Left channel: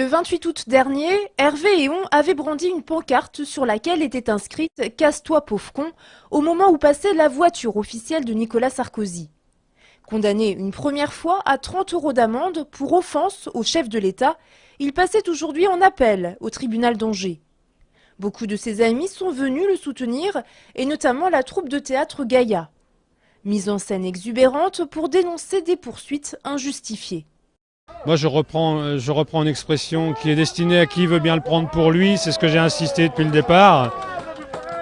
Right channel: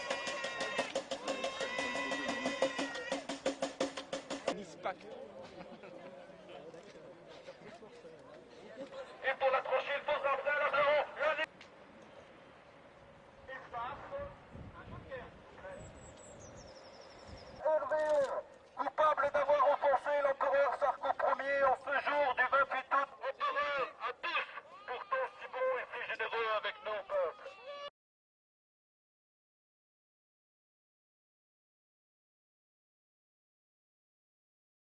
Le 28 août dernier, Hervé Héon avait brandi une pancarte sur laquelle était inscrite « Casse-toi pauvre con » au moment où passait la voiture officielle de Nicolas Sarkozy. Condamné une première fois à 30 € d'amende pour offense au chef de l'État, il passait aujourd'hui en appel au tribunal d'Angers. Beaucoup de ses amis sont venus le soutenir, et notamment la troupe de théâtre Gaïa. Mise en scène exubérante pour dénoncer des poursuites injustifiées. Moi, je reprends une expression qui est destinée à qui veut bien le prendre pour lui. C'est ce que j'ai insisté depuis le départ.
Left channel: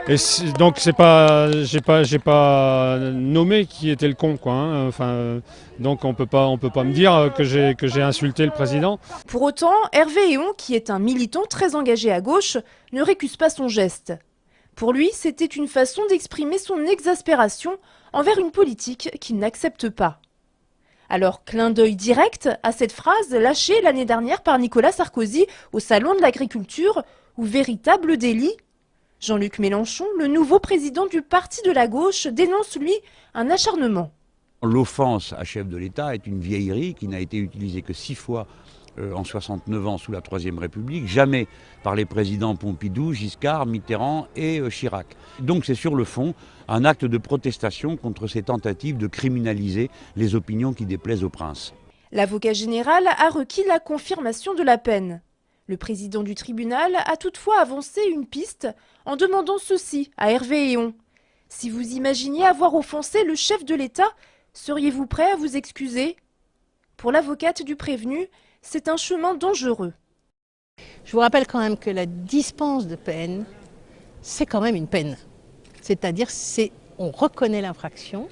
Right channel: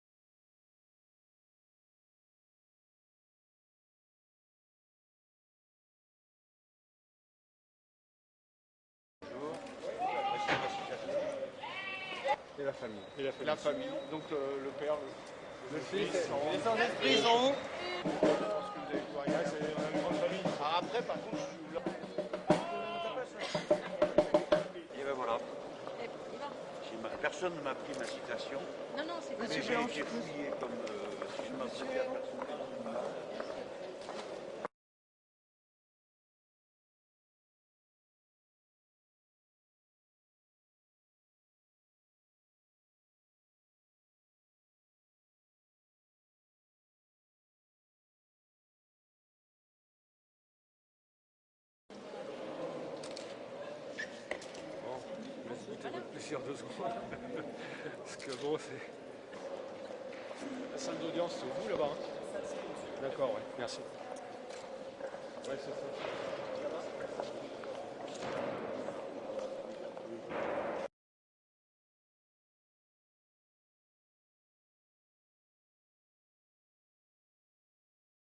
Et donc, j'ai pas nommé qui était le con, quoi. Hein. Enfin, donc, on peut pas me dire que j'ai insulté le président. Pour autant, Hervé Héon, qui est un militant très engagé à gauche, ne récuse pas son geste. Pour lui, c'était une façon d'exprimer son exaspération envers une politique qu'il n'accepte pas. Alors, clin d'œil direct à cette phrase lâchée l'année dernière par Nicolas Sarkozy au Salon de l'Agriculture, ou véritable délit. Jean-Luc Mélenchon, le nouveau président du parti de la gauche, dénonce, lui, un acharnement. L'offense à chef de l'État est une vieillerie qui n'a été utilisée que 6 fois en 69 ans sous la Troisième République, jamais par les présidents Pompidou, Giscard, Mitterrand et Chirac. Donc c'est sur le fond un acte de protestation contre ces tentatives de criminaliser les opinions qui déplaisent au prince. L'avocat général a requis la confirmation de la peine. Le président du tribunal a toutefois avancé une piste en demandant ceci à Hervé Héon. Si vous imaginiez avoir offensé le chef de l'État, seriez-vous prêt à vous excuser? Pour l'avocate du prévenu, c'est un chemin dangereux. Je vous rappelle quand même que la dispense de peine, c'est quand même une peine. C'est-à-dire, on reconnaît l'infraction,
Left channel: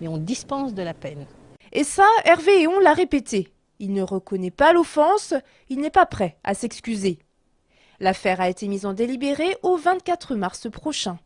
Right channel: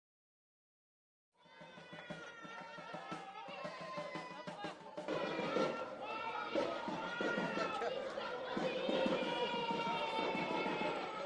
mais on dispense de la peine. Et ça, Hervé Héon l'a répété. Il ne reconnaît pas l'offense, il n'est pas prêt à s'excuser. L'affaire a été mise en délibéré au 24 mars prochain.